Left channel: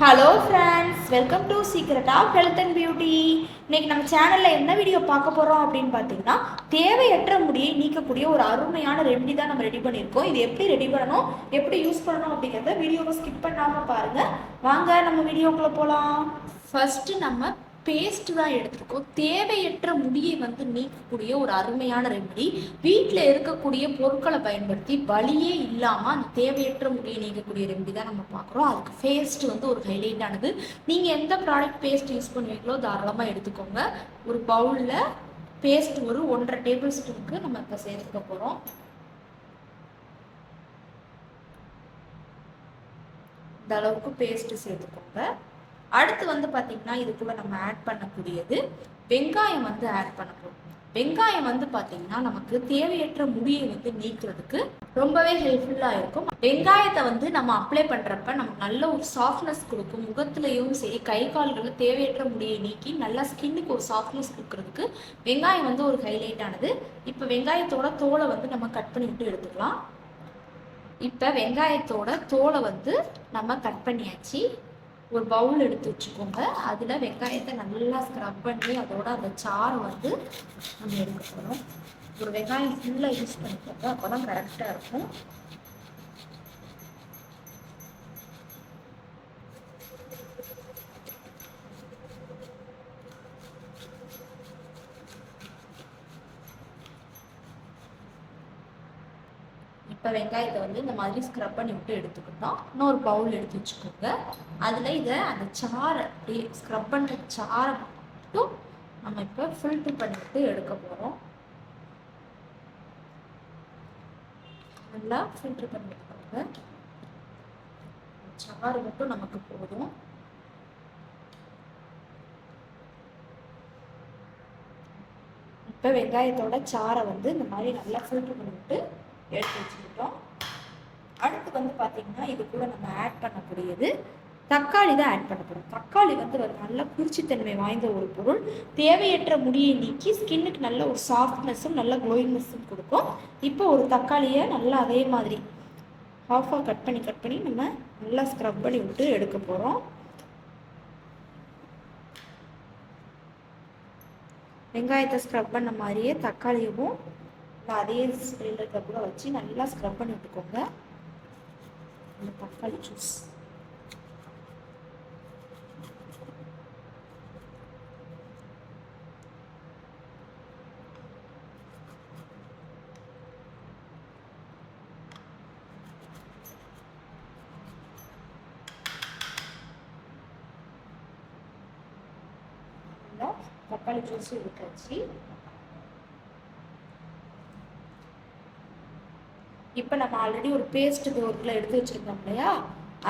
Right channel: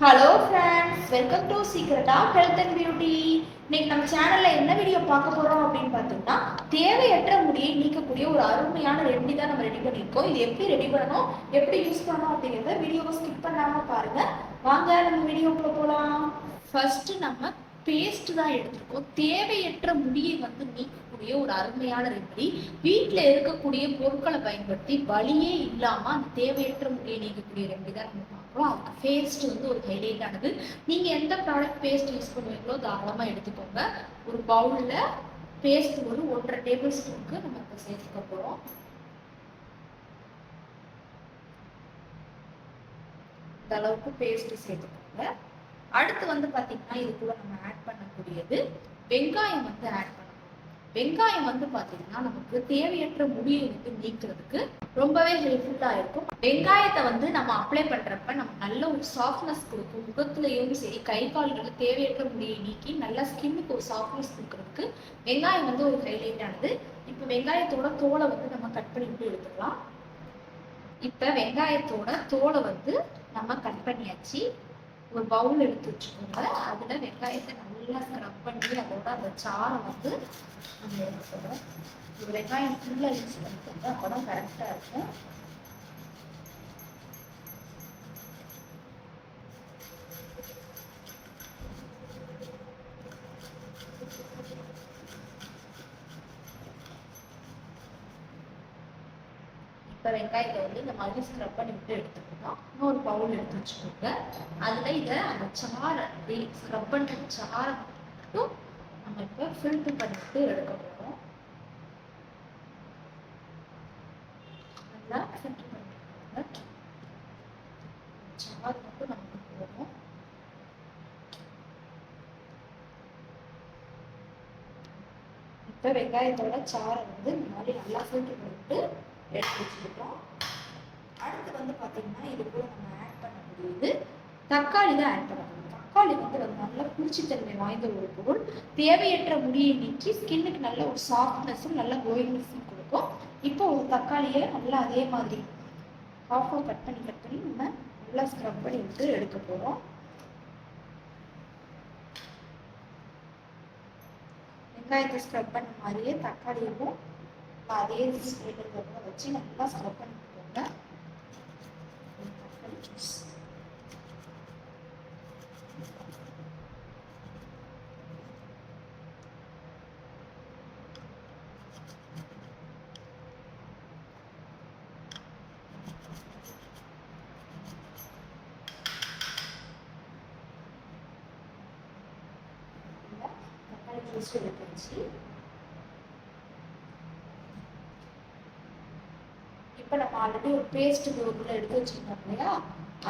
Hello friends welcome to secret of health and beauty இன்னைக்கு நம்ம சேனலில் என்ன வீடியோ பார்க்க போகிறோம் அப்படின்னு பார்த்தீங்கன்னா தேவையற்ற முடியை நீக்கக்கூடிய ஒரு அருமையான ரெமெடி தான் நம்ம ரெடி பண்ணியிருக்கோம். இது எப்படி ரெடி பண்ணணும் எப்படி யூஸ் பண்ணணும் அப்படிங்கிறத வீடியோவை ஸ்கிப் பண்ணாமல் பாருங்கள் வாங்க நம்ம வீடியோக்குள்ளே போகலாம் ஃபஸ்ட்டு நம்ம பேஸ்ட் தான் எடுத்திருக்கோம். தேவையற்ற முடியை வந்து நீக்கக்கூடிய ஒரு அருமையான ரெமெடி வீட்டில் இருக்கக்கூடிய பொருட்களை பயன்படுத்தி வலியே இல்லாமல் அந்த தேவையற்ற முடியை நீக்கக்கூடிய ரெமெடி தான் நம்ம பார்க்குறோம். அதுக்கு பேஸ்ட் வந்து ஒரு ஹைலைட் ஆனது. நீங்கள் எந்த ப்ராடக்ட் பேஸ்ட் யூஸ் பண்ணுவீங்களோ தாராளமாக எடுத்துக்கோங்க. ஒரு பவுலில் பேஸ்ட் ஒரு ஒன்றரை டேபிள் ஸ்பூனுக்கு நம்ம இப்போ சேர்த்துக்க போகிறோம் இந்த அளவுக்கு பேஸ்ட்டு சேர்த்துக்கோங்க. அடுத்து வந்து பார்த்திங்கன்னா இதுக்குள்ள நம்ம ஆட் பண்ணக்கூடியது வெங்காயம் வந்து ஆட் பண்ண போகிறோம் வெங்காயம் வந்து பார்த்தீங்கன்னா நமக்கு தேவையற்ற முடியை வந்து நீக்கிறதுக்கு ரொம்பவே ஹெல்ப்ஃபுல்லாக இருக்கும். வெங்காயத்தை வந்து நம்ம அப்ளை பண்ணுறப்ப நமக்கு நல்ல ஒரு சாஃப்ட்னஸ் கொடுக்கும். முகத்துலேயும் சரி கை கால்களில் தேவையற்ற முடியை நீக்கி நல்லா ஸ்கின்னுக்கு ஒரு சாஃப்ட்னஸ் கொடுக்கறதுக்கு வெங்காயம் வந்து ஒரு ஹைலைட் ஆனது. இப்போ வெங்காயத்தோட தோலை வந்து நம்ம கட் பண்ணி விட்டு எடுத்துக்கலாம். இப்போ வெங்காயத்தோட தோலை வந்து நம்ம கட் பண்ணியாச்சு. ஒரு பவுல் எடுத்து வச்சுக்கோங்க. அதில் வெங்காயத்தை நல்லா ஸ்க்ரப் பண்ணி அதோட அந்த சாரை வந்து நம்ம எடுக்க போகிறோம் ஒரு வெங்காயம் ஃபுல்லாக யூஸ் பண்ணிக்கோங்க. அப்போ தான் கரெக்டாக இருக்கும். இப்போ வெங்காயத்தை வந்து இந்த மாதிரி ஸ்க்ரப் பண்ணி விட்டு எடுத்துக்கிட்டோம். இன்னொரு பவுல் எடுத்து வச்சுக்கோங்க. அதில் இதை அந்த சாறை அப்படியே ஸ்க்ரப் பண்ண சாறை மட்டும் நம்ம இப்போ ஃபில்ட்ரு பண்ணிவிட்டு எடுக்க போகிறோம் நல்லா ஃபில்ட்ரு பண்ணிக்கோங்க சாறு மட்டும் நமக்கு போதும். இப்போ வெங்காயத்தோட சாறை வந்து இந்த மாதிரி நல்லா ஃபில்ட்ரு பண்ணிவிட்டு எடுத்து வச்சுக்கிட்டோம். அடுத்து வந்து பார்த்தீங்கன்னா கூட நம்ம ஆட் பண்ணக்கூடியது தக்காளி தான் ஆட் பண்ணப்படும் தக்காளி வந்து ஒரு நல்ல குளிர்ச்சித்தன்மை வாய்ந்த ஒரு பொருள். தேவையற்ற முடியை நீக்கி ஸ்கின்னுக்கு நல்ல ஒரு சாஃப்ட்னஸும் நல்ல க்ளோயிங்னஸும் கொடுக்கும். இப்போ ஒரு தக்காளியை நல்லா அதே மாதிரி ஹாஃபாக கட் பண்ணி கட் பண்ணி நம்ம நல்லா ஸ்க்ரப் பண்ணி விட்டு எடுக்க போகிறோம் வெங்காயத்தை ஸ்க்ரப் பண்ண மாதிரியே தக்காளியும் அதே ஸ்ப்ரேல கூட வச்சு நல்லா ஸ்க்ரப் பண்ணி விட்டுக்கோங்க. தக்காளி ஜூஸ் தக்காளி ஜூஸ் எடுத்து வச்சு இப்போ நம்ம ஆல்ரெடி ஒரு பேஸ்ட் பவுலில் எடுத்து வச்சுருக்கோம் இல்லையா?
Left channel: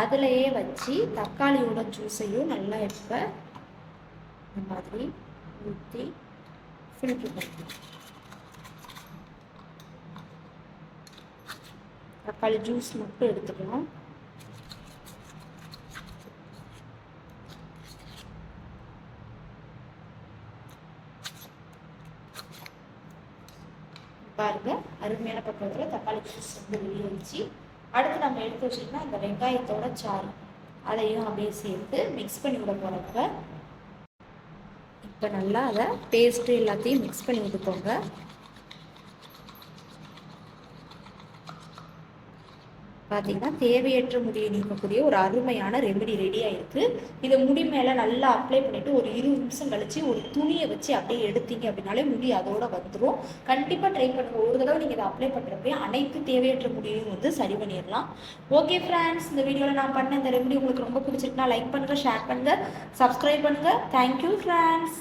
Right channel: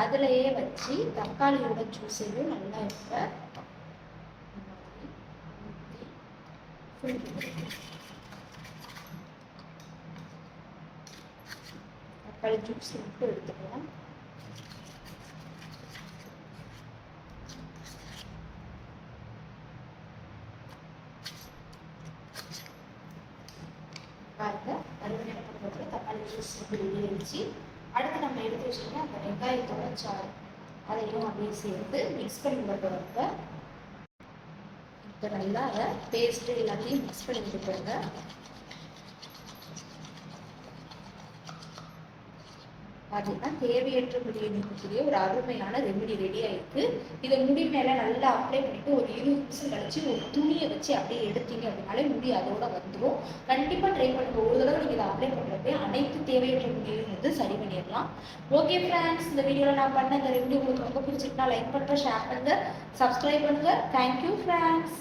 அதுலேயே வச்சு தக்காளியோட ஜூஸையும் நல்லா இப்போ இந்த மாதிரி ஊற்றி ஃபில்ட்ரு பண்ணணும் தக்காளி ஜூஸ் மட்டும் எடுத்துக்கலாம். பாருங்க. அருமையான பக்கத்தில் தக்காளி ஜூஸ் வந்து வெளியேறிச்சு. அடுத்து நம்ம எடுத்து வச்சோம்னா அந்த வெங்காயத்தோட சாறு. அதையும் அப்படியே சேர்த்து மிக்ஸ் பண்ணி விட போகிறப்ப இப்போ நல்லா அதை பேஸ்ட்டு எல்லாத்தையும் மிக்ஸ் பண்ணி விட்டுக்கோங்க. பார்த்தீங்கன்னா தேவையற்ற முடியை நீக்கக்கூடிய ஒரு அருமையான ரெமெடி ரெடி ஆயிருக்கு. இதை முடி மேலே நல்லா அப்ளை பண்ணிட்டு ஒரு இருபது நிமிஷம் கழிச்சு ஒரு துணியை வச்சு அப்படியே எடுத்தீங்க அப்படின்னாலே முடி அதோட வந்துடும் கண்டிப்பாக ட்ரை பண்ணுங்க. ஒரு தடவை நீங்கள் இதை அப்ளை பண்ணுறப்ப அனைத்து தேவையற்ற முடியையும் வந்து சரி பண்ணிடலாம். ஓகே ஃப்ரெண்ட்ஸ் இந்த வீடியோவில் நான் பண்ண இந்த ரெமெடி உங்களுக்கு ரொம்ப பிடிச்சிருக்குன்னா லைக் பண்ணுங்கள் ஷேர் பண்ணுங்கள் சப்ஸ்கிரைப் பண்ணுங்கள் தேங்க்யூ ஃப்ரெண்ட்ஸ்